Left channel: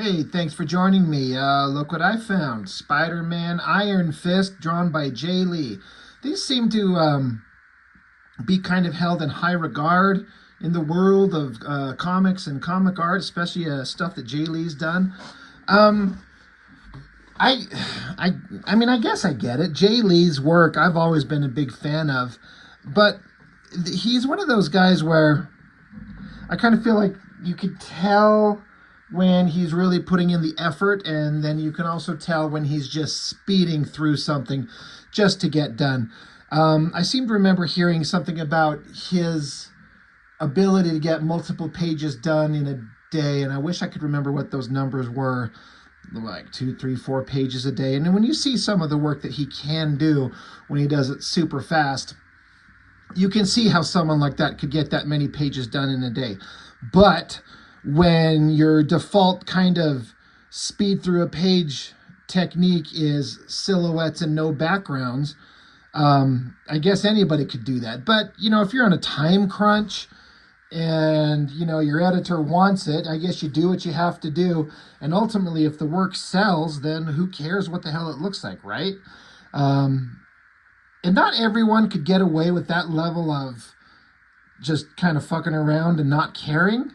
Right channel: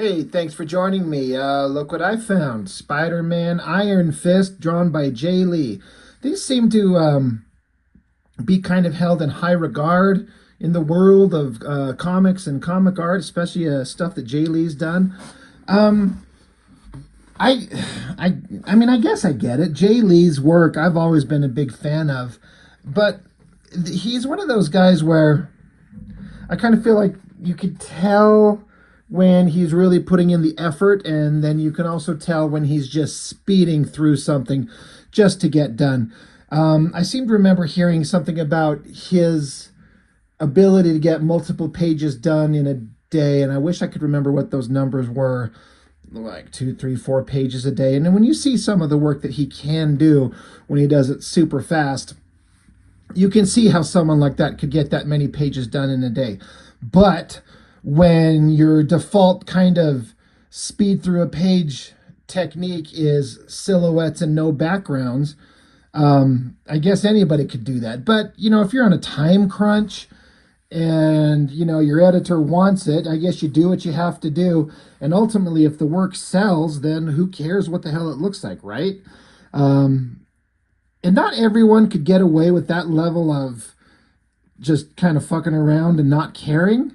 Hey, thanks for joining me. Look what I found. Spider-Man Iron Fist, drawn by Jae Lee. These seem to be kind of held in high regard in the world of comics and comic art, especially stuff that Jae Lee's done. Um, I, I guess I get it. Jae Lee's work I've always been a big fan of, but he's one of those guys where I kind of feel like you could tell when he's really putting in the effort, and then you can also tell when he's just speeding through something just to get done. I seem to remember hearing something about his ability to get multiple pages done in a day, and I wish I could remember what those numbers were, like 2, 3, 4 pages a day. And then when you see some of the work that he can do when he does it super fast, you can see how someone like that could get that many pages done in a day. But when your default kind of speed through a page technique is silhouettes and no backgrounds, I guess anybody could do that. But, if you're on a time crunch and, your editor wants it, I guess you do what you have to do. And ultimately, if the work sells, then who cares what the hell it looks like, right? And not everyone could get away with that level of just kind of fucking around and not caring.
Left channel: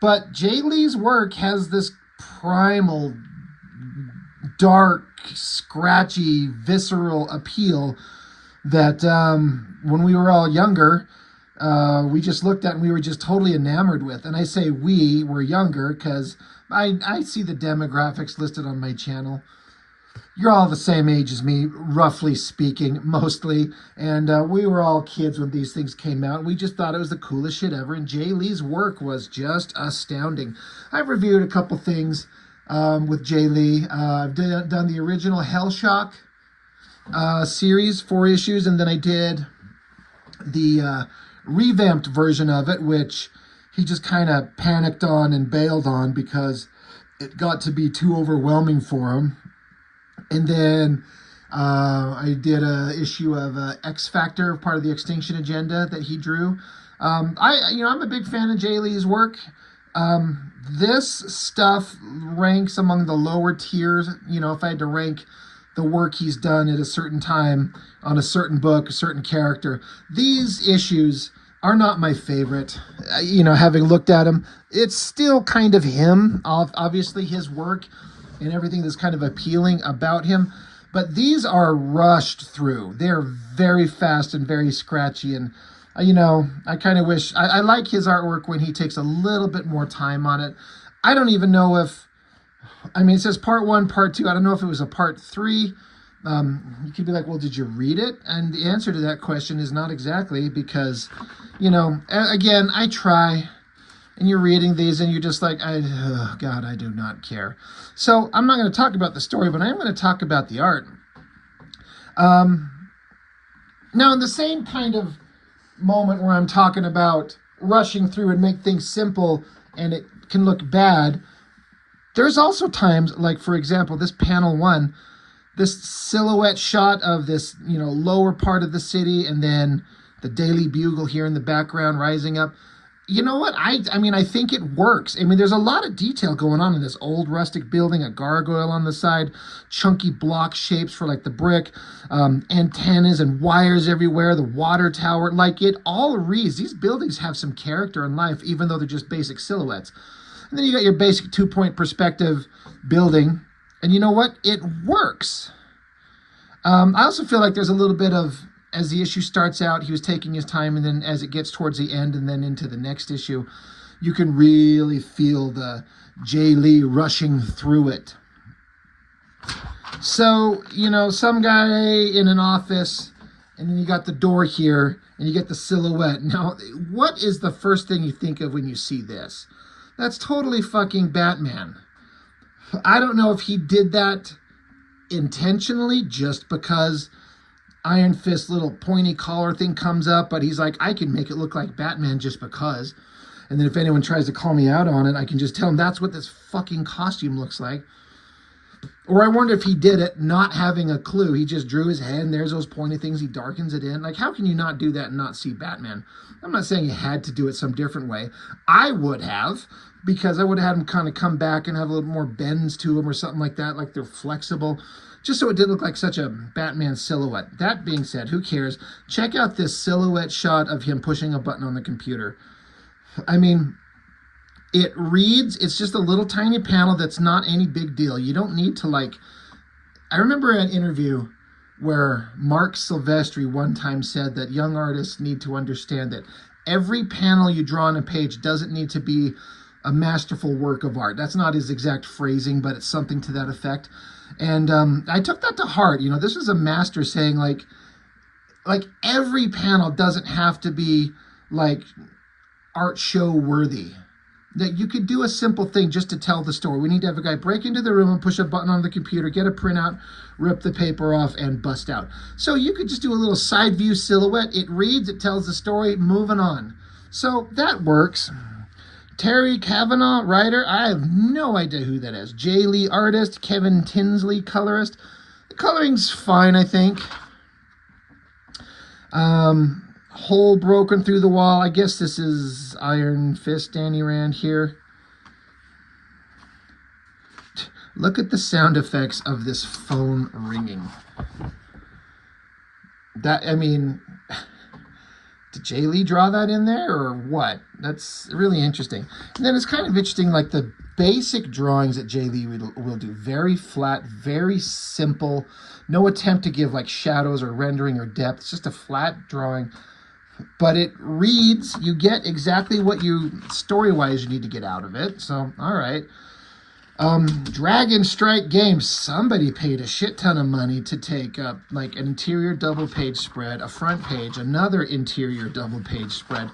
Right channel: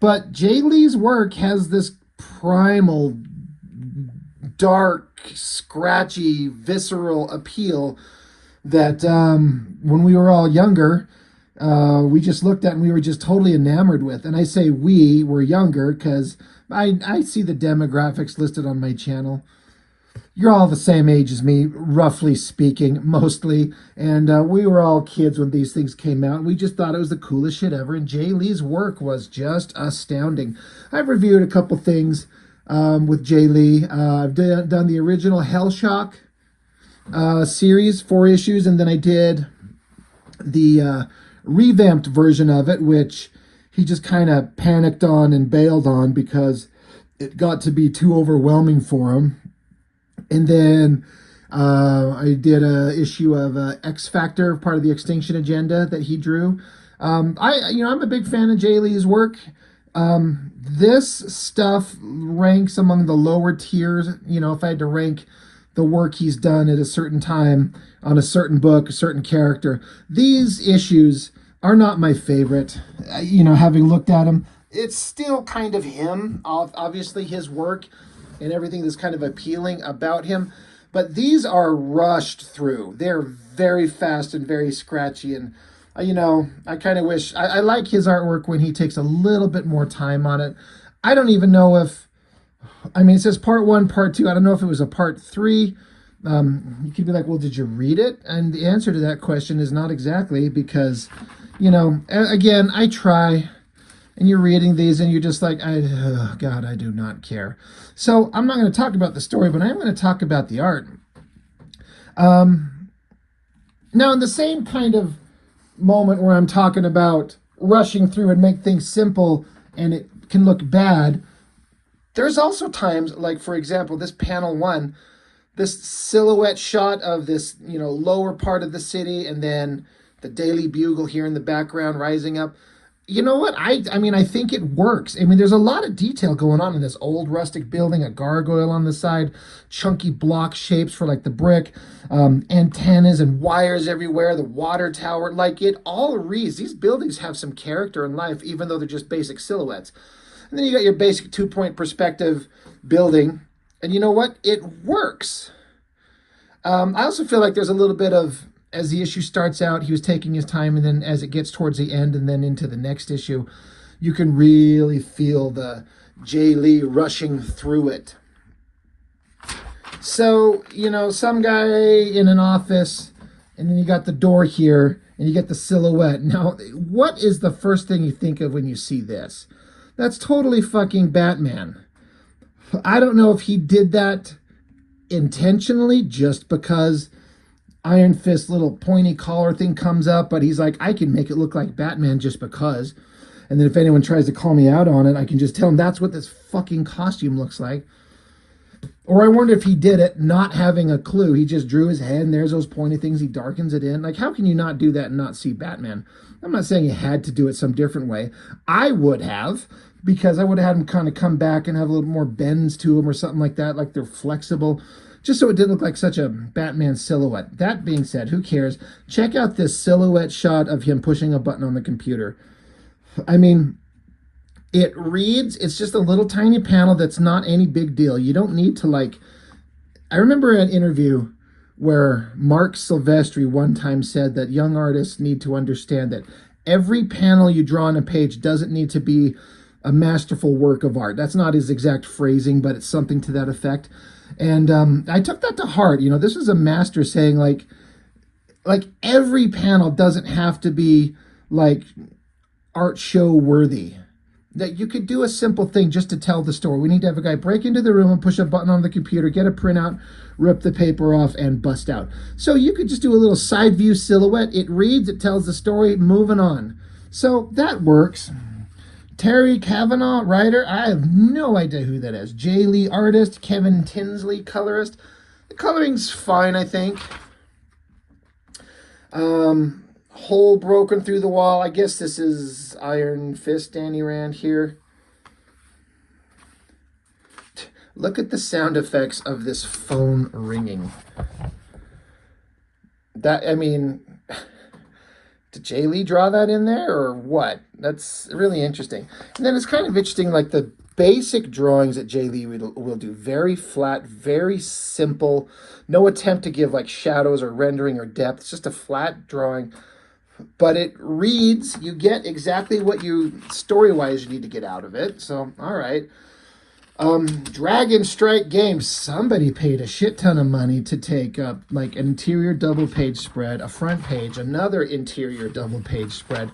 But Jae Lee's work has this primal, dark, scratchy, visceral appeal that when we were all younger, we just looked at and we were just totally enamored with. And I say we were younger because I see the demographics listed on my channel. You're all the same age as me, roughly speaking, mostly. And we were all kids when these things came out. We just thought it was the coolest shit ever. And Jae Lee's work was just astounding. I've reviewed a couple things with Jae Lee. I've done the original Hellshock series, 4 issues. And then I did the revamped version of it, which he just kind of panicked on and bailed on because it got to be too overwhelming for him. And then I did a issue of X Factor, part of the Extinction Agenda that he drew. I'm a big fan of Jae Lee's work. This stuff ranks among the lower tiers. If I had to rank the work he's done at a certain time on a certain book, a certain character, these issues are not my favorite. Having looked at him, it's still kind of him, obviously his work and everything that's kind of appealing about him. But these are rushed through. They're very fast and very scratchy. And, I kind of wish, I like his artwork when he takes a little bit more time on it. I don't even know if, it says part 1, part 2. I don't know if it was a part 3. You could be like, well, did you read it? And the answer to that question is not exactly, because, again, I try. And you're reading these and you're just like, oh God, I do not care. So I'm not going to talk about the story, but I'm going to talk about the art. Now, in the same kind of moment where I'm talking about rushing through and make things simple and it can look bad, there's also times, like, for example, this panel 1, this silhouette shot of this, lower part of the city, and then the Daily Bugle here in the background rising up. You know what? I think it works. There's a lot of detail going on in this old rustic building, a gargoyle on the side, chunky block shapes for like the brick, antennas and wires everywhere, the water tower. Like, it all reads. These buildings have some character and life, even though they're just basic silhouettes. And then you got your basic 2-point perspective building. And you know what? It works. I also feel like there's a little bit of, as the issue starts out, he was taking his time, and then as it gets towards the end and then into the next issue, you can really feel the Jae Lee rushing through it. So, some guy in an office, and then you got the door here, and you get the silhouette. Now, what is the first thing you think of when you see this? That's totally fucking Batman. I don't know if he did that intentionally just because Iron Fist little pointy collar thing comes up, but he's like, I can make it look like Batman just because. And then if anyone tries to call me out on it, I can just tell them that's what this fucking costume looks like. Or I wonder if he did it not having a clue. He just drew his head and there's those pointy things. He darkens it in. Like, how can you not do that and not see Batman? I'm not saying you had to do it some different way. I would have, because I would have had them kind of come back and have a little more bends to them or something like that, like they're flexible, just so it didn't look like such a Batman silhouette. That being said, who cares? Check out this silhouette shot of him pushing a button on the computer. I mean, it reads, it's just a little tiny panel that's not any big deal. You don't need to like, I remember an interview where Mark Silvestri one time said that young artists need to understand that every panel you draw on a page doesn't need to be a masterful work of art. That's not his exact phrasing, but it's something to that effect. And I took that to heart. You know, this was a master saying like every panel doesn't have to be like art show worthy. That you could do a simple thing just to tell the story. We need to have a guy break into the room and push a button on the computer, get a printout, rip the paper off, and bust out. So you could just do a little side view silhouette. It reads, it tells the story, moving on. So that works. Terry Kavanaugh, writer, I have no idea who that is. Jae Lee, artist. Kevin Tinsley, colorist. The coloring's fine, I think. Hole broken through the wall. I guess this is Iron Fist, Danny Rand here. Look at the sound effects of this phone ringing. That, I mean, did Jae Lee draw that in there or what? That's really interesting. And then it's kind of interesting, like the basic drawings that Jae Lee will do. Very flat, very simple. No attempt to give like shadows or rendering or depth. It's just a flat drawing. But it reads, you get exactly what you, story-wise, you need to get out of it. So, all right. Dragon Strike Games. Somebody paid a shit ton of money to take up like an interior double page spread, a front page, another interior double page spread,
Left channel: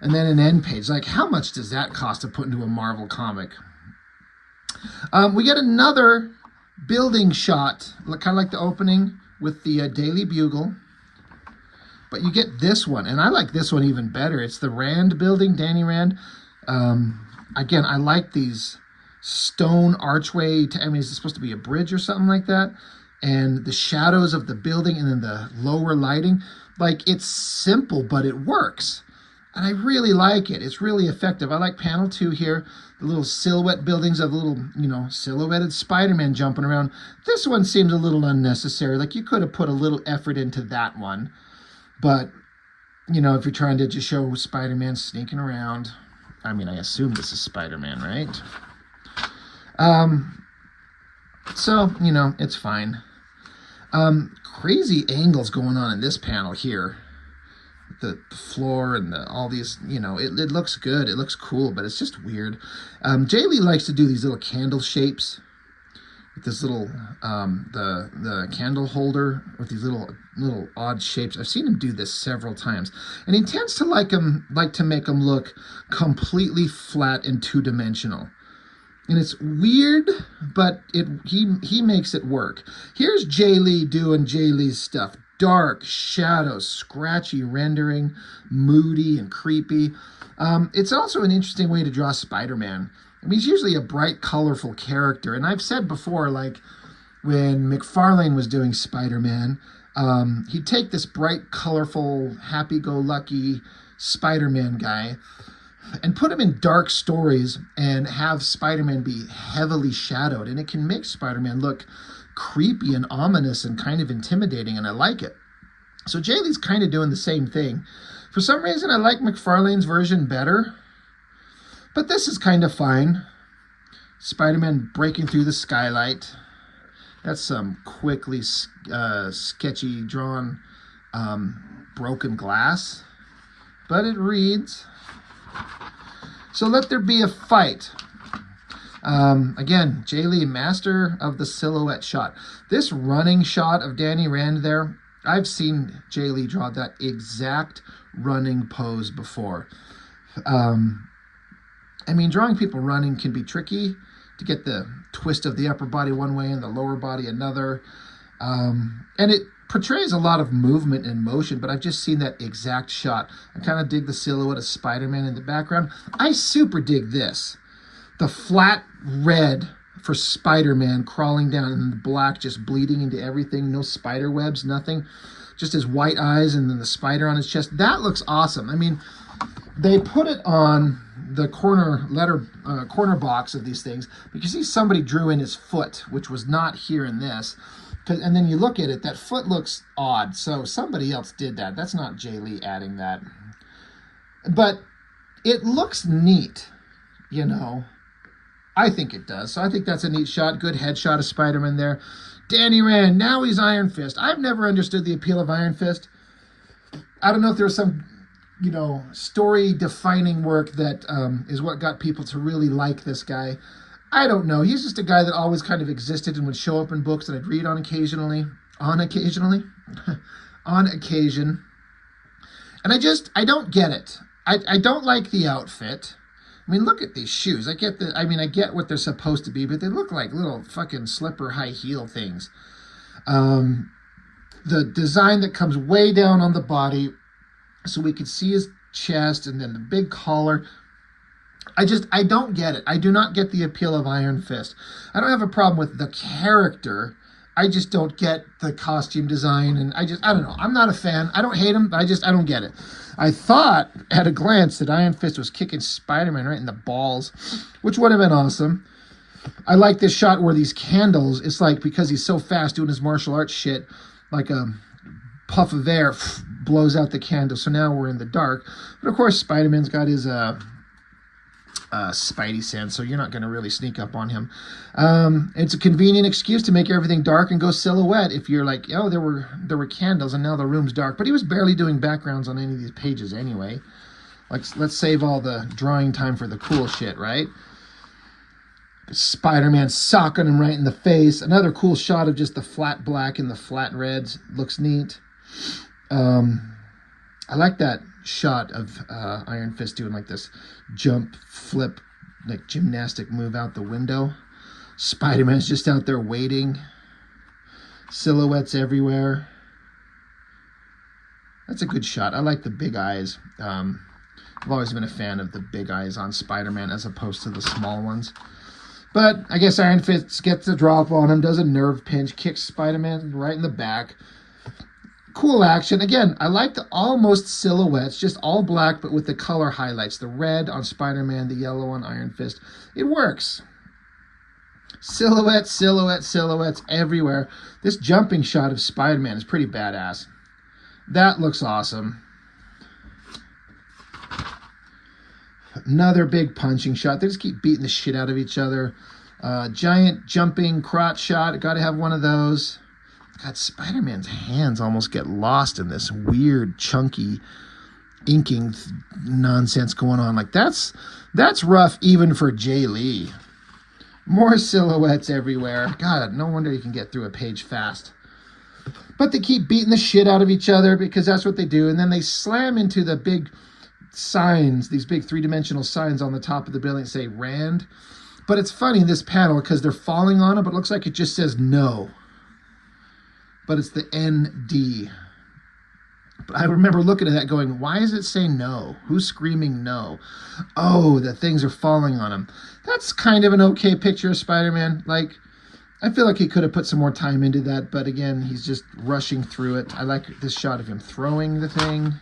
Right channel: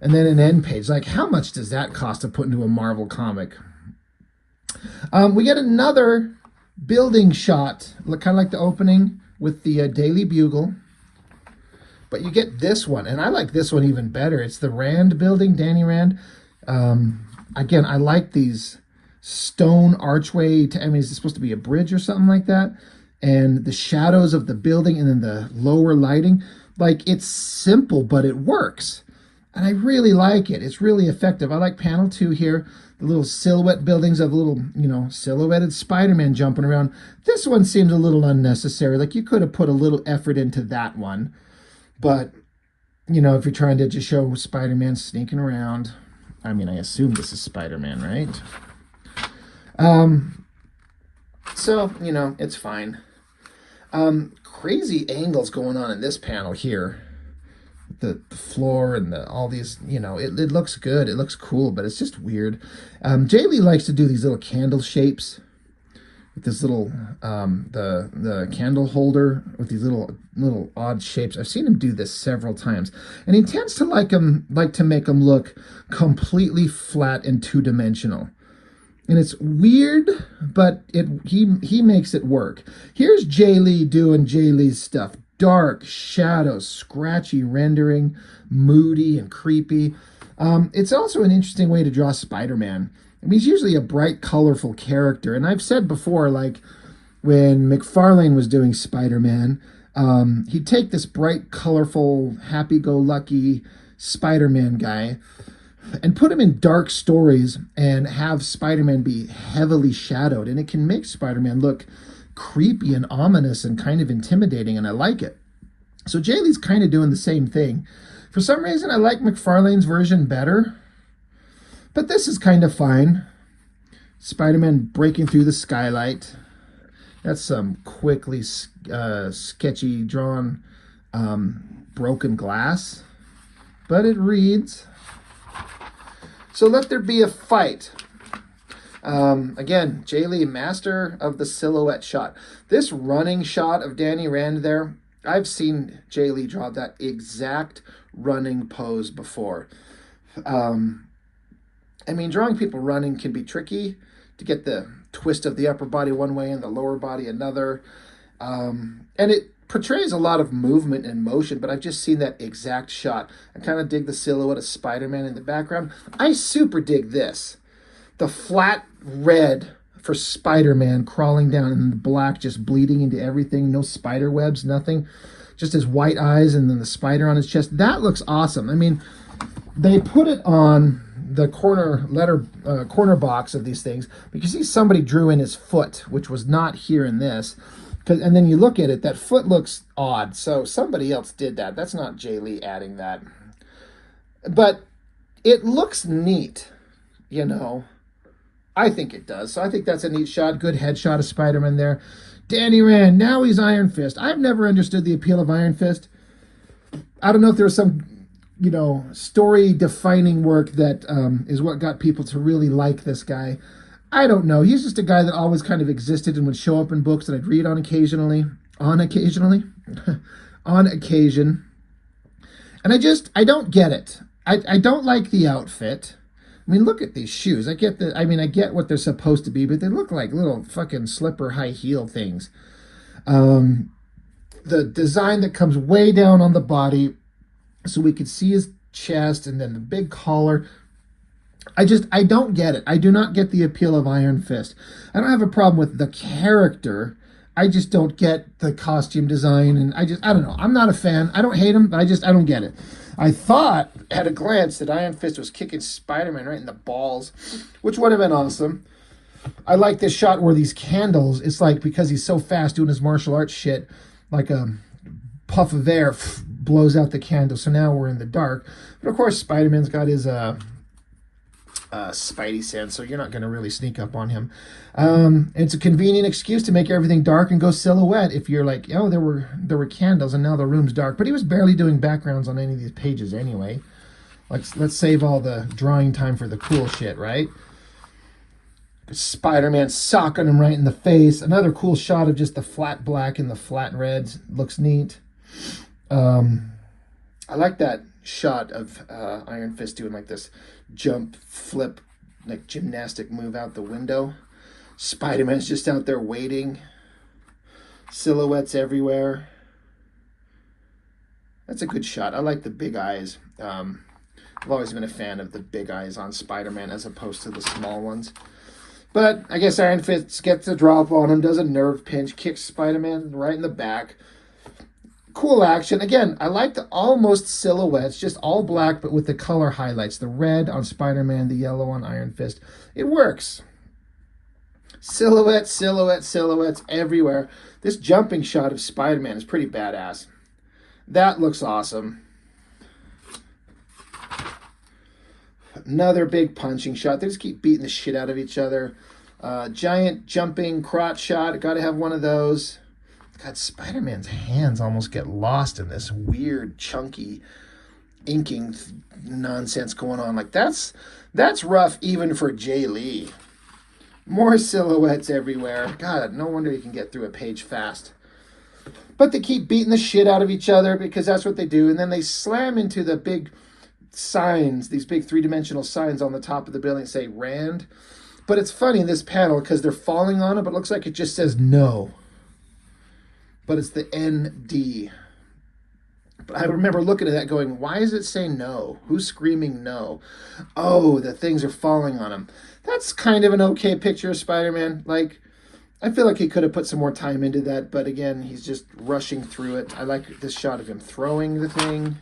and then an end page. Like, how much does that cost to put into a Marvel comic? We get another building shot, kind of like the opening with the Daily Bugle. But you get this one, and I like this one even better. It's the Rand building, Danny Rand. Again, I like these stone archway. I mean, is it supposed to be a bridge or something like that? And the shadows of the building and then the lower lighting. Like, it's simple, but it works. And I really like it. It's really effective. I like panel 2 here. The little silhouette buildings of the little, you know, silhouetted Spider-Man jumping around. This one seems a little unnecessary. Like, you could have put a little effort into that one. But, you know, if you're trying to just show Spider-Man sneaking around, I mean, I assume this is Spider-Man, right? So, you know, it's fine. Crazy angles going on in this panel here. The floor and all these, you know, it looks good. It looks cool, but it's just weird. Jae Lee likes to do these little candle shapes. With this little, the candle holder with these little odd shapes. I've seen him do this several times. And he tends to like to make them look completely flat and two-dimensional. And it's weird, but he makes it work. Here's Jae Lee doing Jae Lee's stuff. Dark, shadows, scratchy rendering, moody and creepy. It's also an interesting way to draw Spider-Man. I mean, he's usually a bright, colorful character. And I've said before, like, when McFarlane was doing Spider-Man, he'd take this bright, colorful, happy-go-lucky Spider-Man guy and put him in dark stories and have Spider-Man be heavily shadowed. And it can make Spider-Man look creepy and ominous and kind of intimidating, and I like it. So Jae Lee's kind of doing the same thing. For some reason, I like McFarlane's version better. But this is kind of fine. Spider-Man breaking through the skylight. That's some quickly sketchy drawn broken glass. But it reads. So let there be a fight. Again, Jae Lee, master of the silhouette shot. This running shot of Danny Rand there, I've seen Jae Lee draw that exact running pose before. I mean, drawing people running can be tricky to get the twist of the upper body one way and the lower body another. And it portrays a lot of movement and motion, but I've just seen that exact shot. I kind of dig the silhouette of Spider-Man in the background. I super dig this. The flat red for Spider-Man crawling down and the black just bleeding into everything. No spider webs, nothing. Just his white eyes and then the spider on his chest. That looks awesome. I mean, they put it on the corner box of these things, because see somebody drew in his foot, which was not here in this. And then you look at it, that foot looks odd. So somebody else did that. That's not Jae Lee adding that. But it looks neat, you know. I think it does. So I think that's a neat shot. Good headshot of Spider-Man there. Danny Rand, now he's Iron Fist. I've never understood the appeal of Iron Fist. I don't know if there was some, you know, story-defining work that is what got people to really like this guy. I don't know. He's just a guy that always kind of existed and would show up in books that I'd read on occasionally. On occasion. And I don't get it. I don't like the outfit. I mean, look at these shoes. I get what they're supposed to be, but they look like little fucking slipper high heel things. The design that comes way down on the body so we could see his chest, and then the big collar. I don't get it. I do not get the appeal of Iron Fist. I don't have a problem with the character. I just don't get the costume design, and I don't know. I'm not a fan. I don't hate him. I don't get it. I thought at a glance that Iron Fist was kicking Spider-Man right in the balls, which would have been awesome. I like this shot where these candles, it's like, because he's so fast doing his martial arts shit, like a puff of air blows out the candle. So now we're in the dark. But of course, Spider-Man's got his spidey sense, so you're not going to really sneak up on him. It's a convenient excuse to make everything dark and go silhouette if you're like, oh, there were candles and now the room's dark. But he was barely doing backgrounds on any of these pages anyway. Let's save all the drawing time for the cool shit, right? Spider-Man socking him right in the face. Another cool shot of just the flat black and the flat reds. Looks neat. I like that shot of Iron Fist doing like this jump, flip, like gymnastic move out the window. Spider-Man's just out there waiting. Silhouettes everywhere. That's a good shot. I like the big eyes. I've always been a fan of the big eyes on Spider-Man as opposed to the small ones. But I guess Iron Fist gets the drop on him, does a nerve pinch, kicks Spider-Man right in the back. Cool action. Again, I like the almost silhouettes, just all black, but with the color highlights. The red on Spider-Man, the yellow on Iron Fist. It works. Silhouettes, silhouettes, silhouettes everywhere. This jumping shot of Spider-Man is pretty badass. That looks awesome. Another big punching shot. They just keep beating the shit out of each other. Giant jumping crotch shot. Got to have one of those. God, Spider-Man's hands almost get lost in this weird, chunky inking nonsense going on. Like, that's rough even for Jae Lee. More silhouettes everywhere. God, no wonder you can get through a page fast. But they keep beating the shit out of each other because that's what they do. And then they slam into the big signs, these big three-dimensional signs on the top of the building that say Rand. But it's funny in this panel because they're falling on it, but it looks like it just says no. But it's the ND. But I remember looking at that going, why does it say no? Who's screaming no? Oh, the things are falling on him. That's kind of an okay picture of Spider-Man. Like, I feel like he could have put some more time into that, but again, he's just rushing through it. I like this shot of him throwing the thing.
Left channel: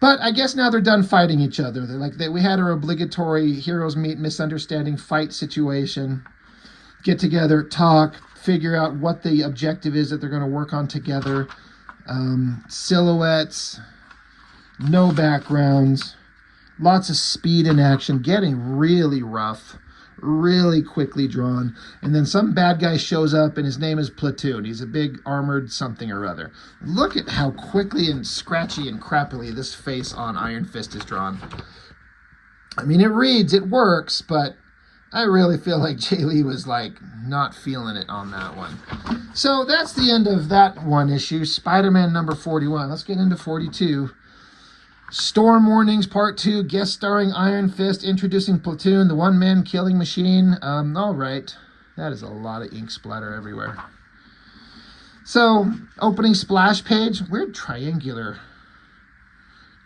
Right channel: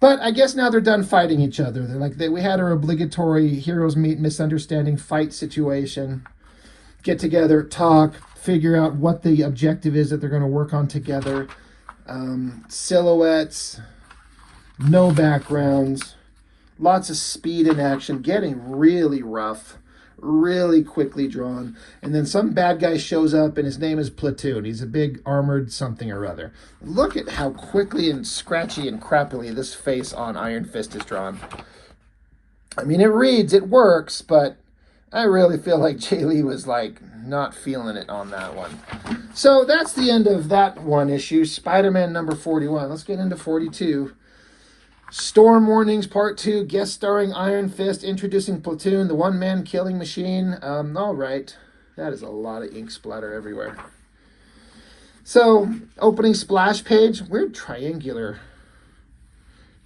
But I guess now they're done fighting each other. They're like, we had our obligatory heroes meet misunderstanding fight situation. Get together, talk, figure out what the objective is that they're going to work on together. Silhouettes, no backgrounds, lots of speed and action, getting really rough, really quickly drawn. And then some bad guy shows up and his name is Platoon. He's a big armored something or other. Look at how quickly and scratchy and crappily this face on Iron Fist is drawn. I mean, it reads, it works, but I really feel like Jae Lee was like not feeling it on that one. So that's the end of that one issue. Spider-Man number 41. Let's get into 42. Storm Warnings Part 2, guest starring Iron Fist, introducing Platoon, the one-man killing machine. All right. That is a lot of ink splatter everywhere. So, opening splash page. Weird triangular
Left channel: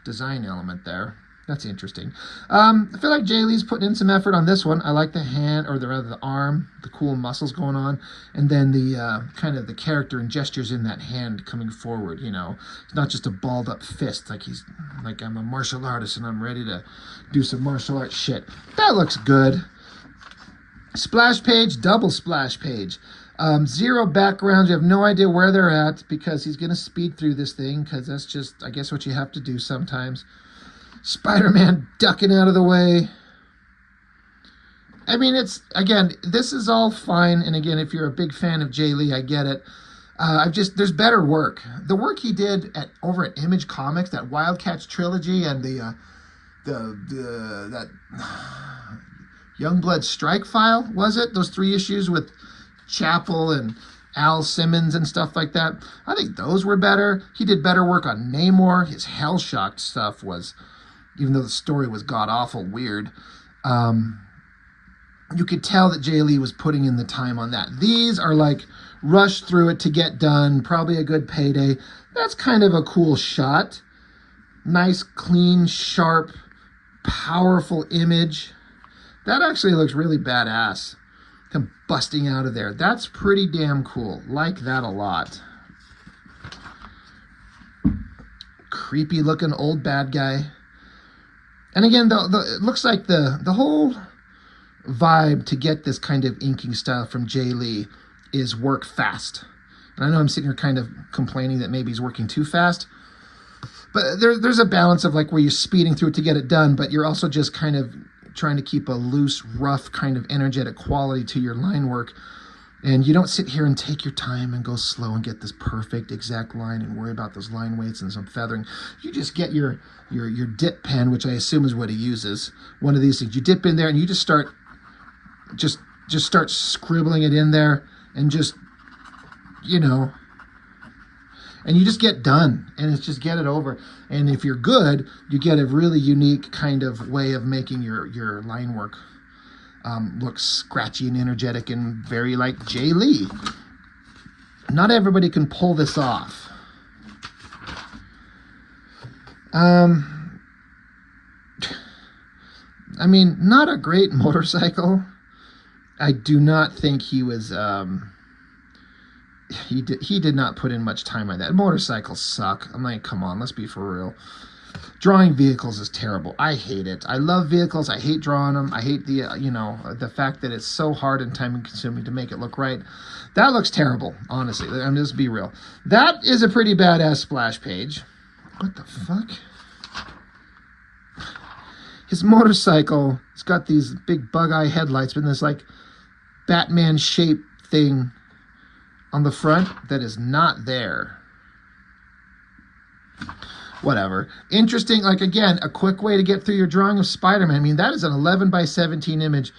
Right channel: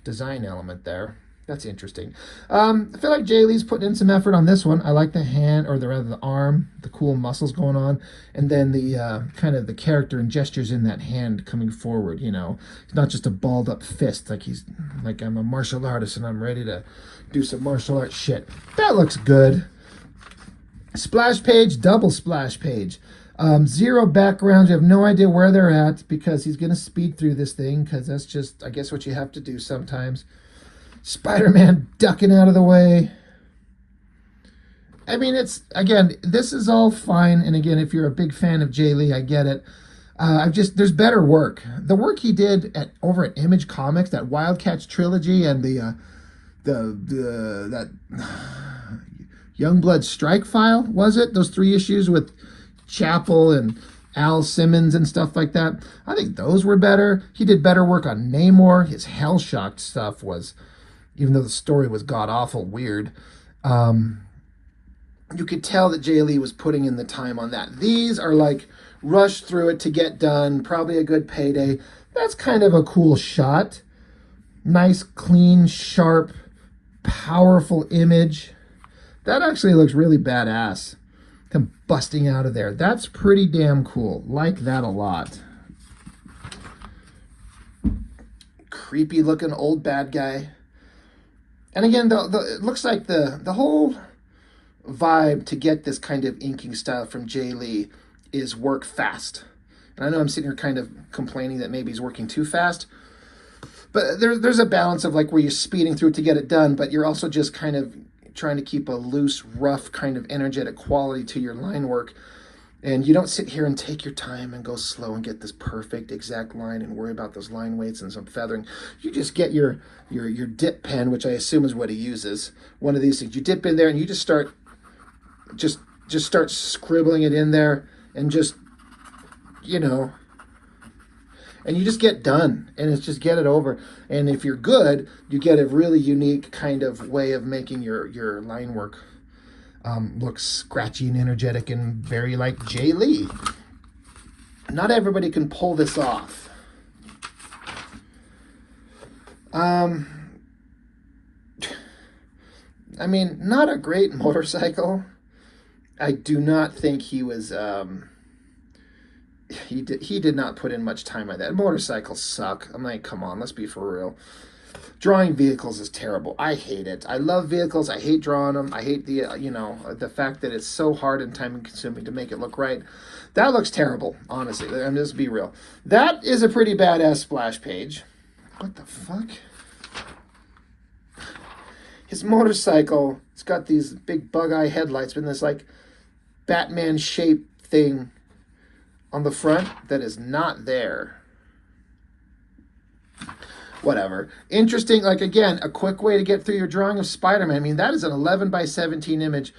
design element there. That's interesting. I feel like Jae Lee's putting in some effort on this one. I like the hand, or rather the arm, the cool muscles going on, and then the kind of the character and gestures in that hand coming forward. You know, it's not just a balled up fist like he's like, I'm a martial artist and I'm ready to do some martial arts shit. That looks good. Splash page, double splash page. 0 backgrounds. You have no idea where they're at because he's going to speed through this thing because that's just, I guess, what you have to do sometimes. Spider-Man ducking out of the way. I mean, it's, again, this is all fine. And again, if you're a big fan of Jae Lee, I get it. There's better work. The work he did over at Image Comics, that Wildcats trilogy and that Youngblood Strike File, was it? Those 3 issues with Chapel and Al Simmons and stuff like that. I think those were better. He did better work on Namor. His Hellshock stuff was, even though the story was god-awful weird, you could tell that Jae Lee was putting in the time on that. These are like rushed through it to get done, probably a good payday. That's kind of a cool shot. Nice, clean, sharp, powerful image. That actually looks really badass. Him busting out of there. That's pretty damn cool. Like that a lot. Creepy looking old bad guy. And again, it looks like the whole vibe to get this kind of inking style from Jae Lee is work fast. And I know I'm sitting here kind of complaining that maybe he's working too fast. But there's a balance of like where you're speeding through it to get it done, but you're also just kind of trying to keep a loose, rough, kind of energetic quality to your line work. And you don't sit here and take your time and go slow and get this perfect exact line and worry about those line weights and some feathering. You just get your dip pen, which I assume is what he uses. One of these things. You dip in there and you just start start scribbling it in there and just, you know, and you just get done, and it's just get it over. And if you're good, you get a really unique kind of way of making your line work look scratchy and energetic and very like Jae Lee. Not everybody can pull this off. I mean, not a great motorcycle. I do not think he was... He did not put in much time on that. Motorcycles suck. I'm like, come on, let's be for real. Drawing vehicles is terrible. I hate it. I love vehicles. I hate drawing them. I hate the fact that it's so hard and time consuming to make it look right. That looks terrible, honestly. I'm just be real. That is a pretty badass splash page. What the fuck? His motorcycle, it's got these big bug eye headlights, but this like Batman shape thing on the front that is not there. Whatever. Interesting, like again, a quick way to get through your drawing of Spider-Man. I mean, that is an 11 by 17 image.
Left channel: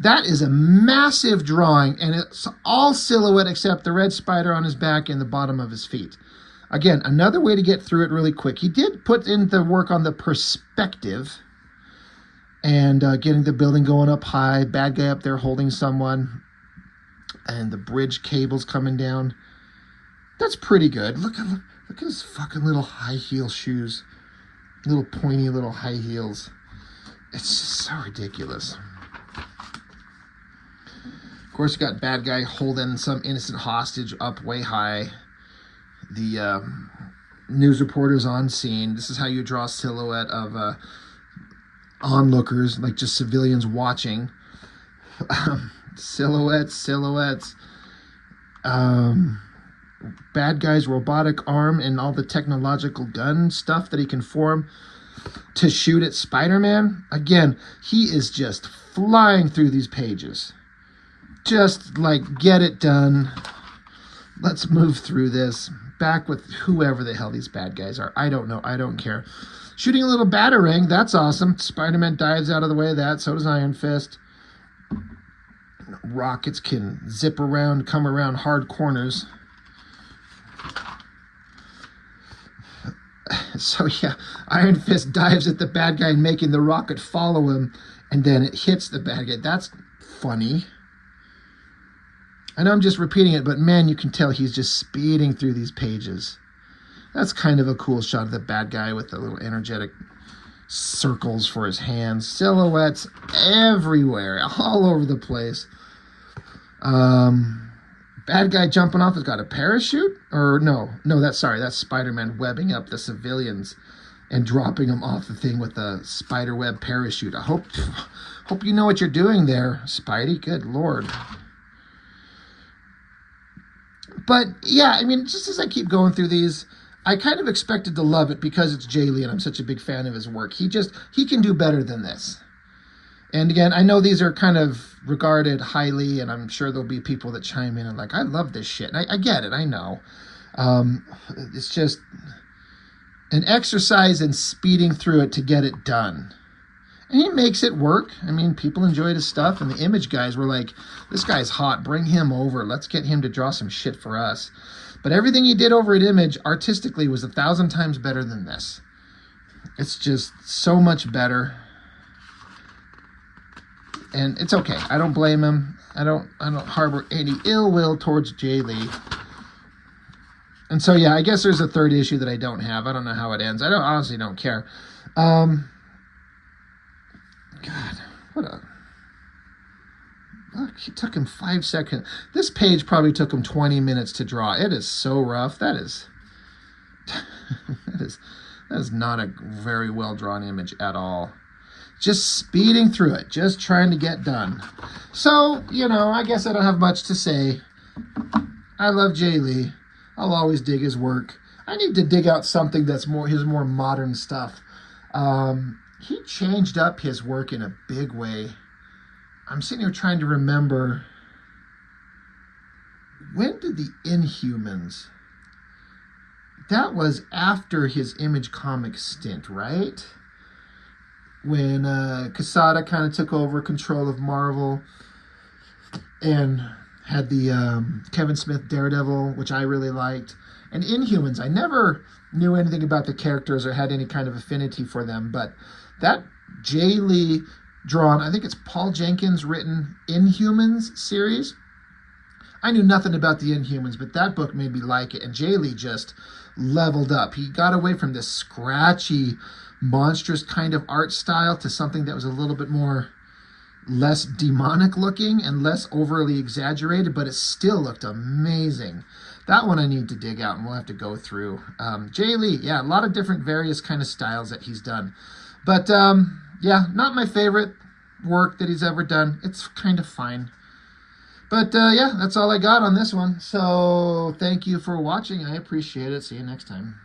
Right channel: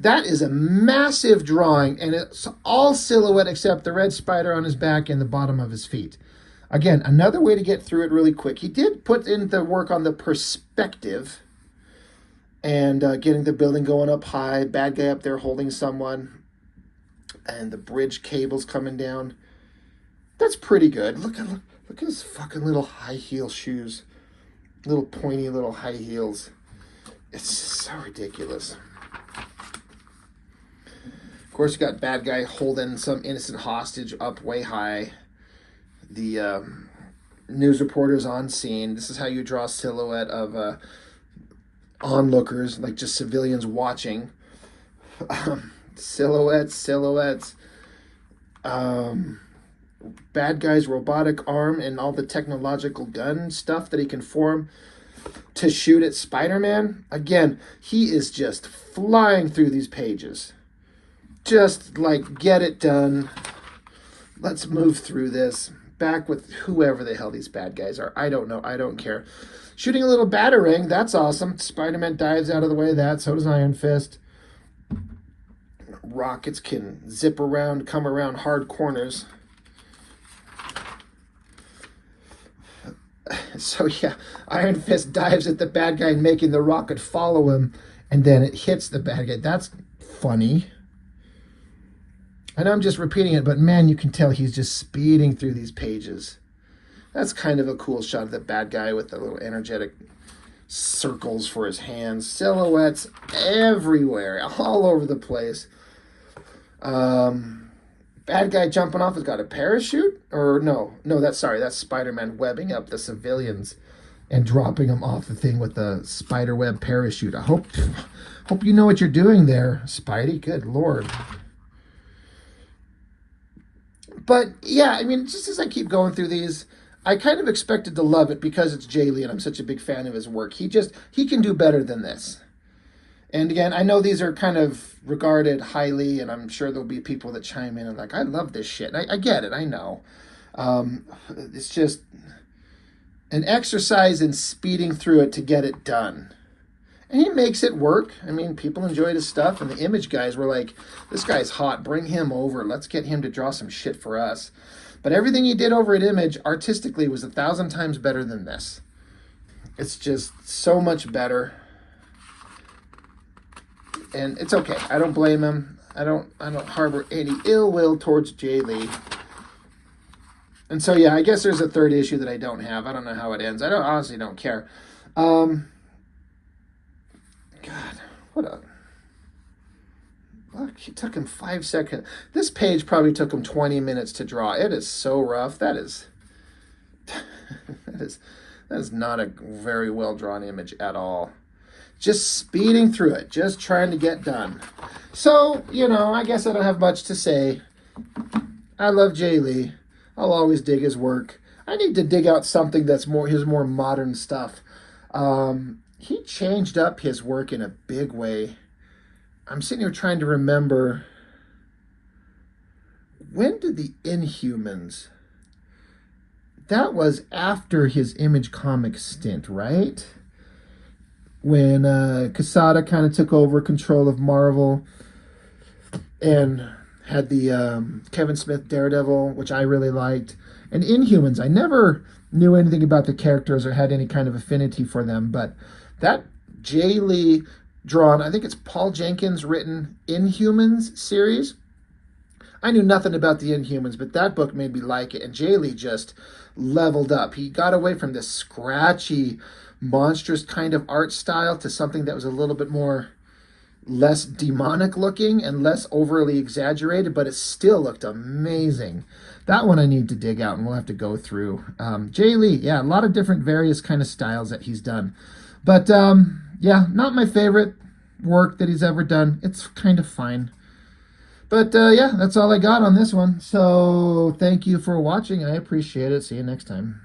That is a massive drawing, and it's all silhouette except the red spider on his back and the bottom of his feet. Again, another way to get through it really quick. He did put in the work on the perspective and getting the building going up high, bad guy up there holding someone, and the bridge cables coming down. That's pretty good. Look at his fucking little high heel shoes. Little pointy little high heels. It's just so ridiculous. Of course, you got bad guy holding some innocent hostage up way high. The news reporters on scene. This is how you draw a silhouette of onlookers, like just civilians watching. Silhouettes. Bad guy's robotic arm and all the technological gun stuff that he can form to shoot at Spider-Man. Again, he is just flying through these pages. Just like, get it done. Let's move through this. Back with whoever the hell these bad guys are. I don't know. I don't care. Shooting a little batarang. That's awesome. Spider-Man dives out of the way of that. So does Iron Fist. Rockets can zip around, come around hard corners. So yeah, Iron Fist dives at the bad guy, making the rocket follow him, and then it hits the bad guy. That's funny. I know I'm just repeating it, but man, you can tell he's just speeding through these pages. That's kind of a cool shot of the bad guy with the little energetic circles for his hands, silhouettes everywhere, all over the place. Bad guy jumping off has got a parachute, or no, that's Spider-Man webbing up the civilians and dropping them off the thing with the spider web parachute. I hope you know what you're doing there, Spidey. Good Lord. But yeah, I mean, just as I keep going through these, I kind of expected to love it because it's Jae Lee and I'm such a big fan of his work. He can do better than this. And again, I know these are kind of regarded highly, and I'm sure there'll be people that chime in and like, I love this shit. And I get it, I know. It's just an exercise in speeding through it to get it done. And he makes it work. I mean, people enjoyed his stuff, and the Image guys were like, this guy's hot, bring him over. Let's get him to draw some shit for us. But everything he did over at Image, artistically, was 1,000 times better than this. It's just so much better. And it's okay. I don't blame him. I don't harbor any ill will towards Jae Lee. And so, yeah, I guess there's a third issue that I don't have. I don't know how it ends. I honestly don't care. God, what a... Look, it took him 5 seconds. This page probably took him 20 minutes to draw. It is so rough. That is... that is not a very well-drawn image at all. Just speeding through it, just trying to get done. So, you know, I guess I don't have much to say. I love Jae Lee. I'll always dig his work. I need to dig out something that's his more modern stuff. He changed up his work in a big way. I'm sitting here trying to remember, when did the Inhumans... That was after his Image Comics stint, right? When Quesada kind of took over control of Marvel and had the Kevin Smith Daredevil, which I really liked. And Inhumans, I never knew anything about the characters or had any kind of affinity for them, but that Jae Lee drawn, I think it's Paul Jenkins written Inhumans series. I knew nothing about the Inhumans, but that book made me like it, and Jae Lee just leveled up. He got away from this scratchy, monstrous kind of art style to something that was a little bit more less demonic looking and less overly exaggerated, but it still looked amazing. That one I need to dig out, and we'll have to go through. Jae Lee, yeah, a lot of different various kind of styles that he's done. But yeah, not my favorite work that he's ever done. It's kind of fine. But yeah, that's all I got on this one. So thank you for watching. I appreciate it. See you next time.